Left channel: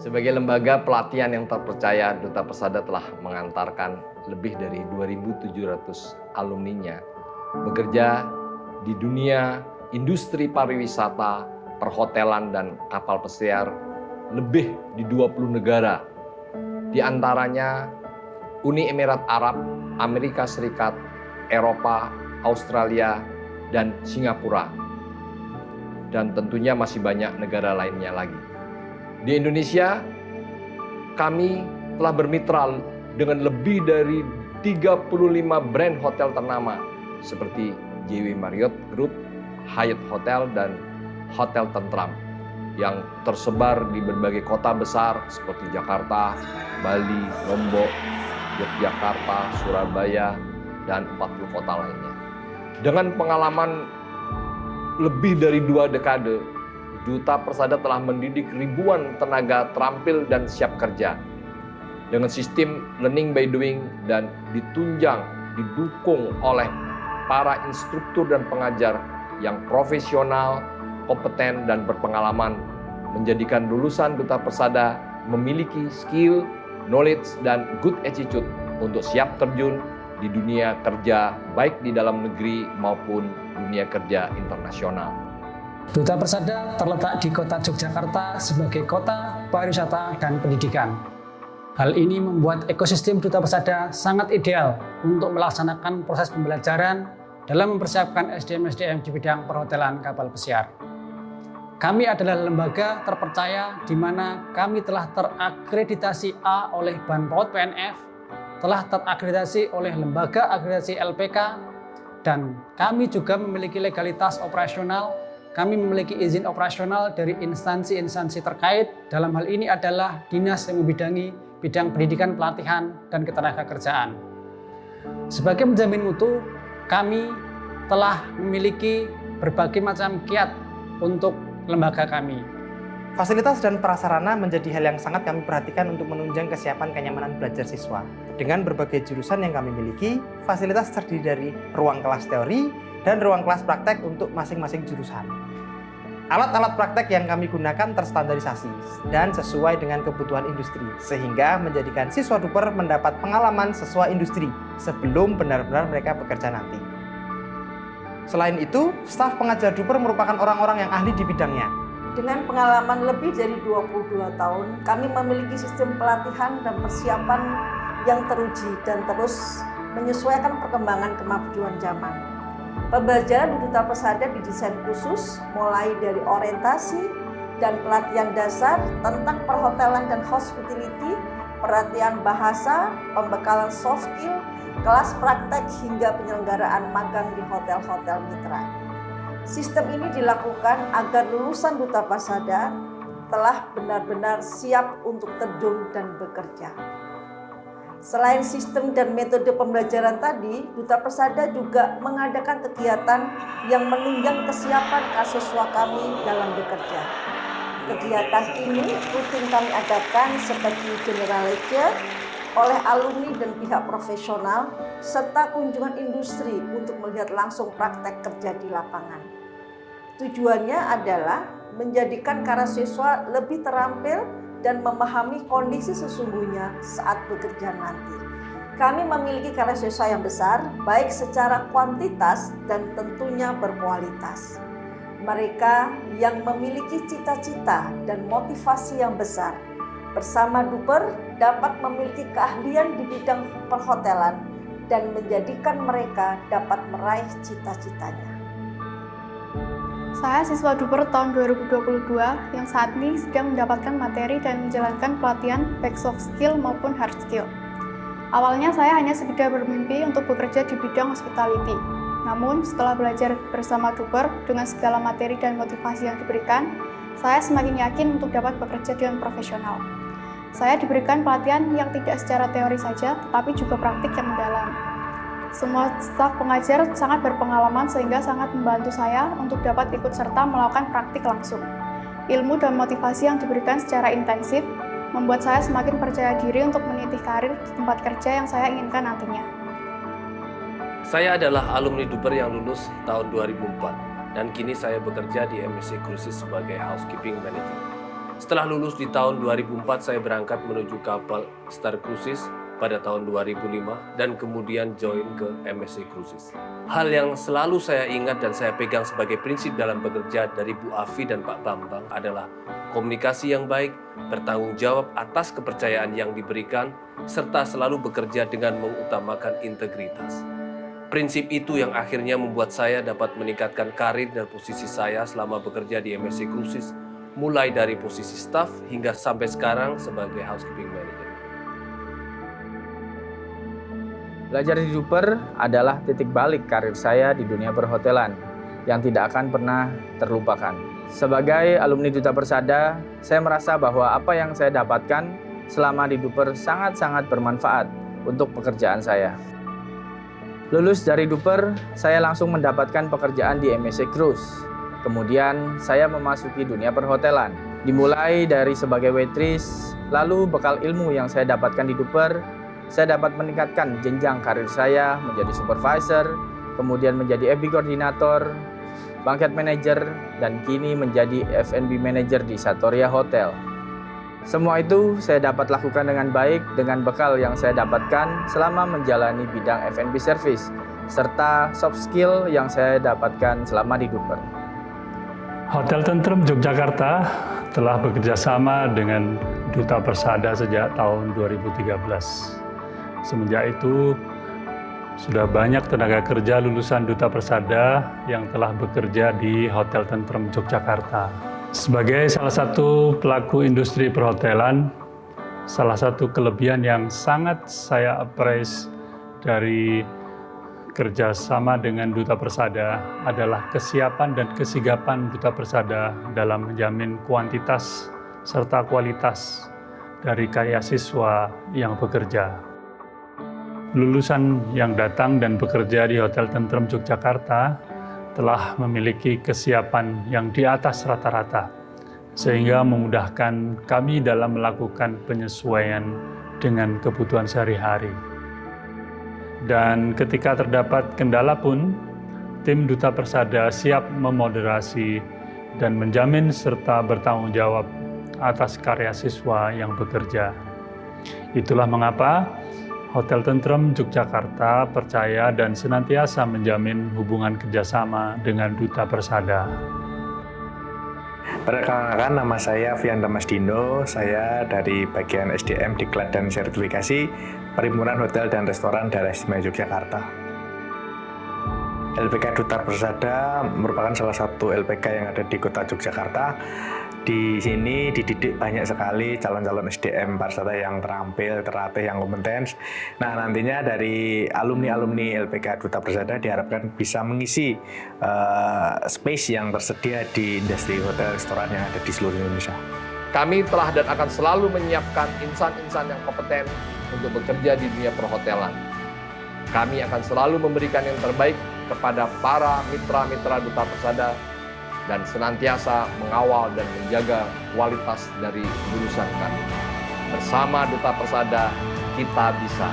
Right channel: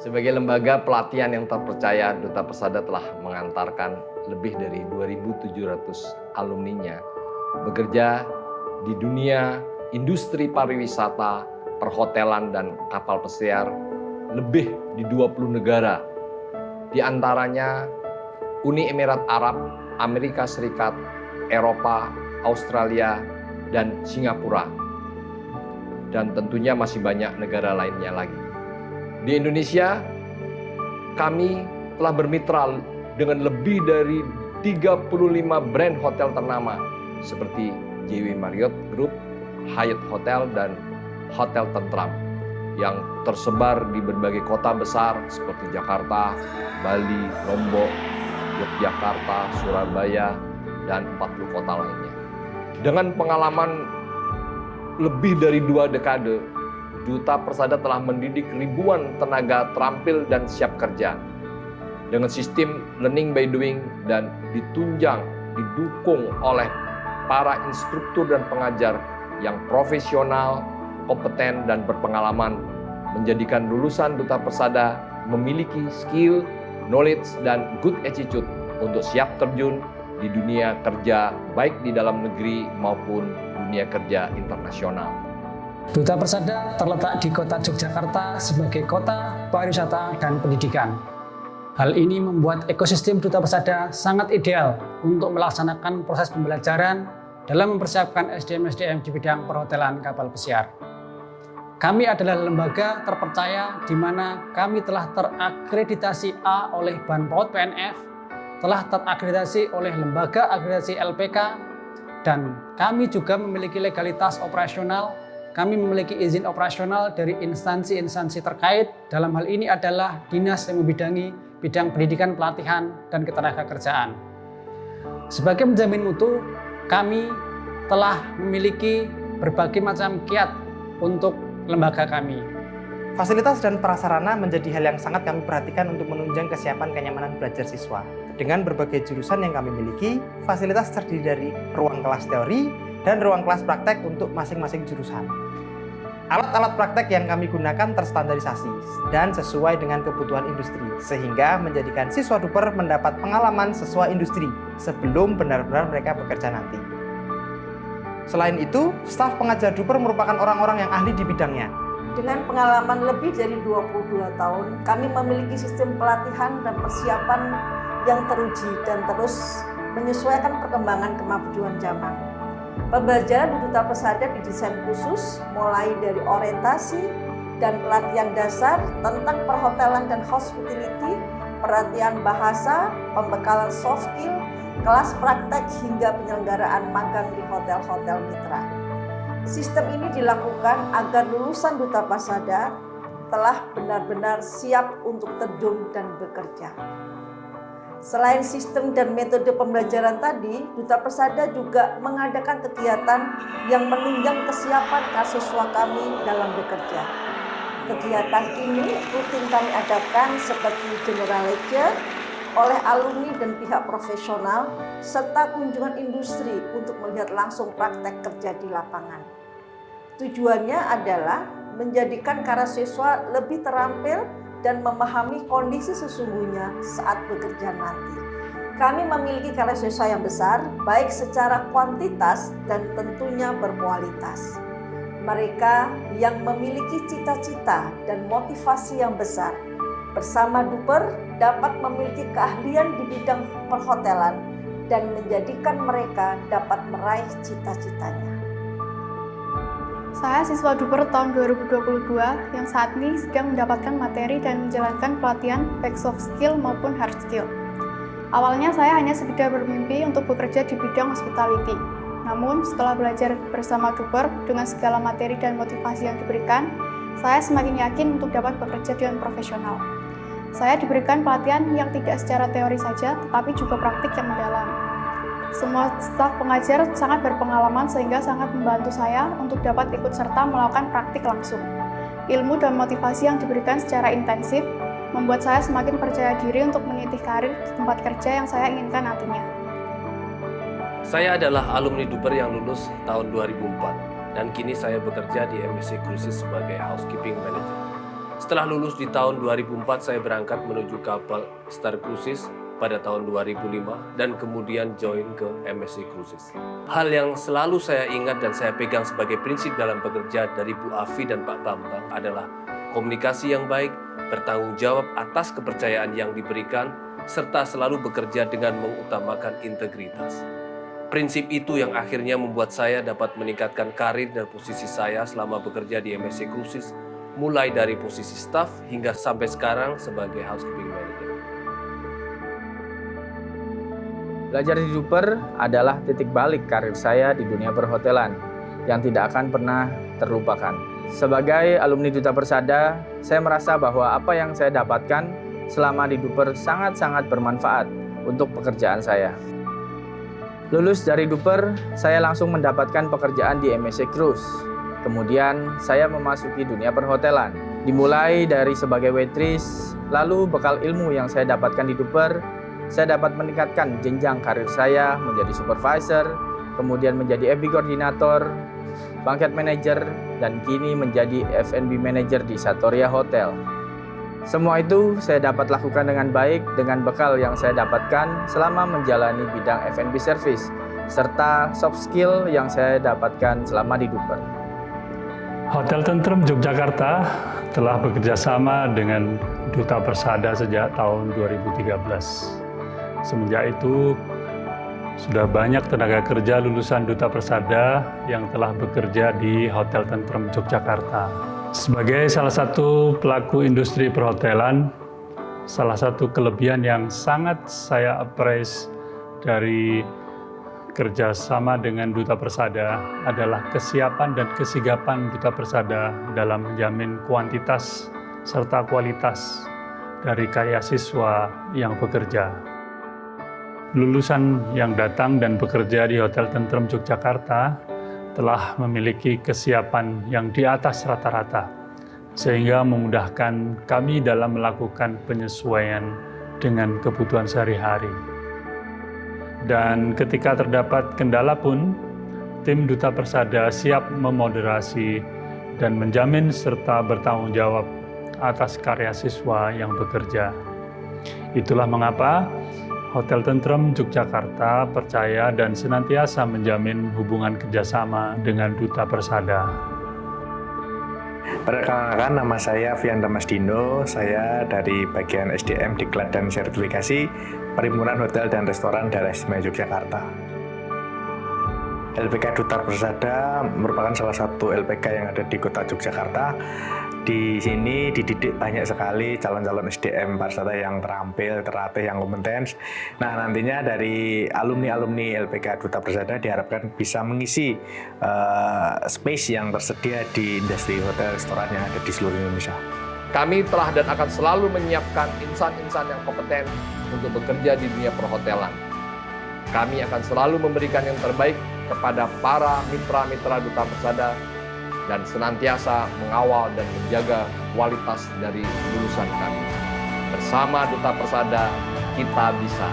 Sebagai lembaga pelatihan yang terpercaya, Duta Persada telah mengantarkan lebih dari 2.700 alumninya bekerja di dunia industri pariwisata, perhotelan, dan kapal pesiar lebih di 20 negara. Di antaranya Uni Emirat Arab, Amerika Serikat, Eropa, Australia, dan Singapura. Dan tentunya masih banyak negara lainnya lagi. Di Indonesia, kami telah bermitra dengan lebih dari 35 brand hotel ternama seperti JW Marriott Group, Hyatt Hotel, dan Hotel Tentram yang tersebar di berbagai kota besar seperti Jakarta, Bali, Lombok, Yogyakarta, Surabaya, dan 40 kota lainnya. Dengan pengalaman lebih dari 2 dekade, Duta Persada telah mendidik ribuan tenaga terampil dan siap kerja dengan sistem learning by doing dan didukung oleh para instruktur dan pengajar yang profesional, kompeten, dan berpengalaman, menjadikan lulusan Duta Persada memiliki skill, knowledge, dan good attitude untuk siap terjun di dunia kerja baik di dalam negeri maupun dunia kerja internasional. Duta Persada terletak di kota Yogyakarta sebagai kota pariwisata dan pendidikan. Hal ini membuat ekosistem Duta Persada sangat ideal untuk melaksanakan proses pembelajaran dalam mempersiapkan SDM-SDM di bidang perhotelan kapal pesiar. Kami adalah lembaga terpercaya di mana kami telah terakreditasi A oleh Badan PAUD PNF, telah terakreditasi oleh Lembaga Akreditasi LPK, dan kami juga memiliki legalitas operasional. Kami memiliki izin operasional dari instansi-instansi terkait. Dalam hal ini adalah dinas yang membidangi bidang pendidikan, pelatihan, dan ketenagakerjaan. Sebagai penjamin mutu, kami telah memiliki berbagai macam kiat untuk lembaga kami. Fasilitas dan prasarana menjadi hal yang sangat kami perhatikan untuk menunjang kesiapan kenyamanan belajar siswa. Dengan berbagai jurusan yang kami miliki, fasilitas terdiri dari ruang kelas teori dan ruang kelas praktek untuk masing-masing jurusan. Alat-alat praktek yang kami gunakan terstandarisasi dan sesuai dengan kebutuhan industri, sehingga menjadikan siswa Duper mendapat pengalaman sesuai industri sebelum benar-benar mereka bekerja nanti. Selain itu, staf pengajar Duper merupakan orang-orang yang ahli di bidangnya. Dengan pengalaman lebih dari 22 tahun, kami memiliki sistem pelatihan dan persiapan yang teruji dan terus menyesuaikan perkembangan kemajuan zaman. Pembelajaran di Duta Persada didesain khusus mulai dari orientasi dan pelatihan dasar tentang perhotelan dan hospitality, pelatihan bahasa, pembekalan soft skill, kelas praktek hingga penyelenggaraan magang di hotel-hotel mitra. Sistem ini dilakukan agar lulusan Duta Persada telah benar-benar siap untuk terjun dan bekerja. Selain sistem dan metode pembelajaran tadi, Duta Persada juga mengadakan kegiatan yang menunjang kesiapan siswa kami dalam bekerja. Kegiatan ini rutin kami adakan seperti general lecture oleh alumni dan pihak profesional, serta kunjungan industri untuk melihat langsung praktek kerja di lapangan. Tujuannya adalah menjadikan para siswa lebih terampil dan memahami kondisi sesungguhnya saat bekerja nanti. Kami memiliki karya siswa yang besar, baik secara kuantitas dan tentunya berkualitas. Mereka yang memiliki cita-cita dan motivasi yang besar, bersama Duper dapat memiliki keahlian di bidang perhotelan dan menjadikan mereka dapat meraih cita-citanya. Saya siswa Duper tahun 2022 yang saat ini sedang mendapatkan materi dan menjalankan pelatihan baik soft skill maupun hard skill. Awalnya saya hanya sekedar bermimpi untuk bekerja di bidang hospitality. Namun setelah belajar bersama Duper dengan segala materi dan motivasi yang diberikan, saya semakin yakin untuk dapat bekerja dengan profesional. Saya diberikan pelatihan yang tidak secara teori saja, tetapi juga praktik yang mendalam. Semua staf pengajar sangat berpengalaman sehingga sangat membantu saya untuk dapat ikut serta melakukan praktik langsung. Ilmu dan motivasi yang diberikan secara intensif membuat saya semakin percaya diri untuk meniti karir di tempat kerja yang saya inginkan nantinya. Saya adalah alumni Duper yang lulus tahun 2004 dan kini saya bekerja di MSC Cruises sebagai housekeeping manager. Setelah lulus di tahun 2004, saya berangkat menuju kapal Star Cruises pada tahun 2005 dan kemudian join ke MSC Cruises. Hal yang selalu saya ingat dan saya pegang sebagai prinsip dalam bekerja dari Bu Afi dan Pak Bambang adalah komunikasi yang baik, bertanggung jawab atas kepercayaan yang diberikan, serta selalu bekerja dengan mengutamakan integritas. Prinsip itu yang akhirnya membuat saya dapat meningkatkan karir dan posisi saya selama bekerja di MSC Cruises, mulai dari posisi staf hingga sampai sekarang sebagai housekeeping manager. Belajar di Duper adalah titik balik karir saya di dunia perhotelan yang tidak akan pernah terlupakan. Sebagai alumni Duta Persada, saya merasa bahwa apa yang saya dapatkan selama di Duper sangat-sangat bermanfaat untuk pekerjaan saya. Lulus dari Duper, saya langsung mendapatkan pekerjaan di MSC Cruise. Kemudian saya memasuki dunia perhotelan. Dimulai dari sebagai waitress, lalu bekal ilmu yang saya dapatkan di Duper, saya dapat meningkatkan jenjang karir saya menjadi supervisor, kemudian menjadi F&B koordinator, banquet manager, dan kini menjadi F&B manager di Satoria Hotel. Semua itu saya dapat lakukan dengan baik dengan bekal yang saya dapatkan selama menjalani bidang F&B service, serta soft skill yang saya dapatkan selama di Duper. Hotel Tentrem Yogyakarta telah bekerja sama dengan Duta Persada sejak tahun 2013. Semenjak itu, sudah banyak tenaga kerja lulusan Duta Persada yang telah bekerja di Hotel Tentrem Yogyakarta. Sebagai salah satu pelaku industri perhotelan, salah satu kelebihan yang sangat saya appreciate dari kerjasama dengan Duta Persada adalah kesiapan dan kesigapan Duta Persada dalam menjamin kuantitas serta kualitas dari karya siswa yang bekerja. Lulusan yang datang dan bekerja di Hotel Tentrem Yogyakarta telah memiliki kesiapan yang di atas rata-rata, sehingga memudahkan kami dalam melakukan penyesuaian dengan kebutuhan sehari-hari. Dan ketika terdapat kendala pun, tim Duta Persada siap memoderasi dan menjamin serta bertanggung jawab atas karya siswa yang bekerja. Itulah mengapa Hotel Tentrem Yogyakarta percaya dan senantiasa menjamin hubungan kerjasama dengan Duta Persada. Perkenalkan, nama saya Fian Damasdino, saya dari bagian SDM Diklat dan Sertifikasi Perhimpunan Hotel dan Restoran Daerah Istimewa Yogyakarta. LPK Duta Persada merupakan salah satu LPK yang ada di Kota Yogyakarta. Di sini dididik banyak sekali calon-calon SDM pariwisata yang terampil, terlatih, yang kompeten. Nah, nantinya dari alumni-alumni LPK Duta Persada diharapkan bisa mengisi space yang tersedia di industri hotel restoran yang ada di seluruh Indonesia. Kami telah dan akan selalu menyiapkan insan-insan yang kompeten untuk bekerja di dunia perhotelan. Kami akan selalu memberikan yang terbaik kepada para mitra-mitra Duta Persada dan senantiasa mengawal dan menjaga kualitas dari lulusan kami. Bersama Duta Persada, kita bisa.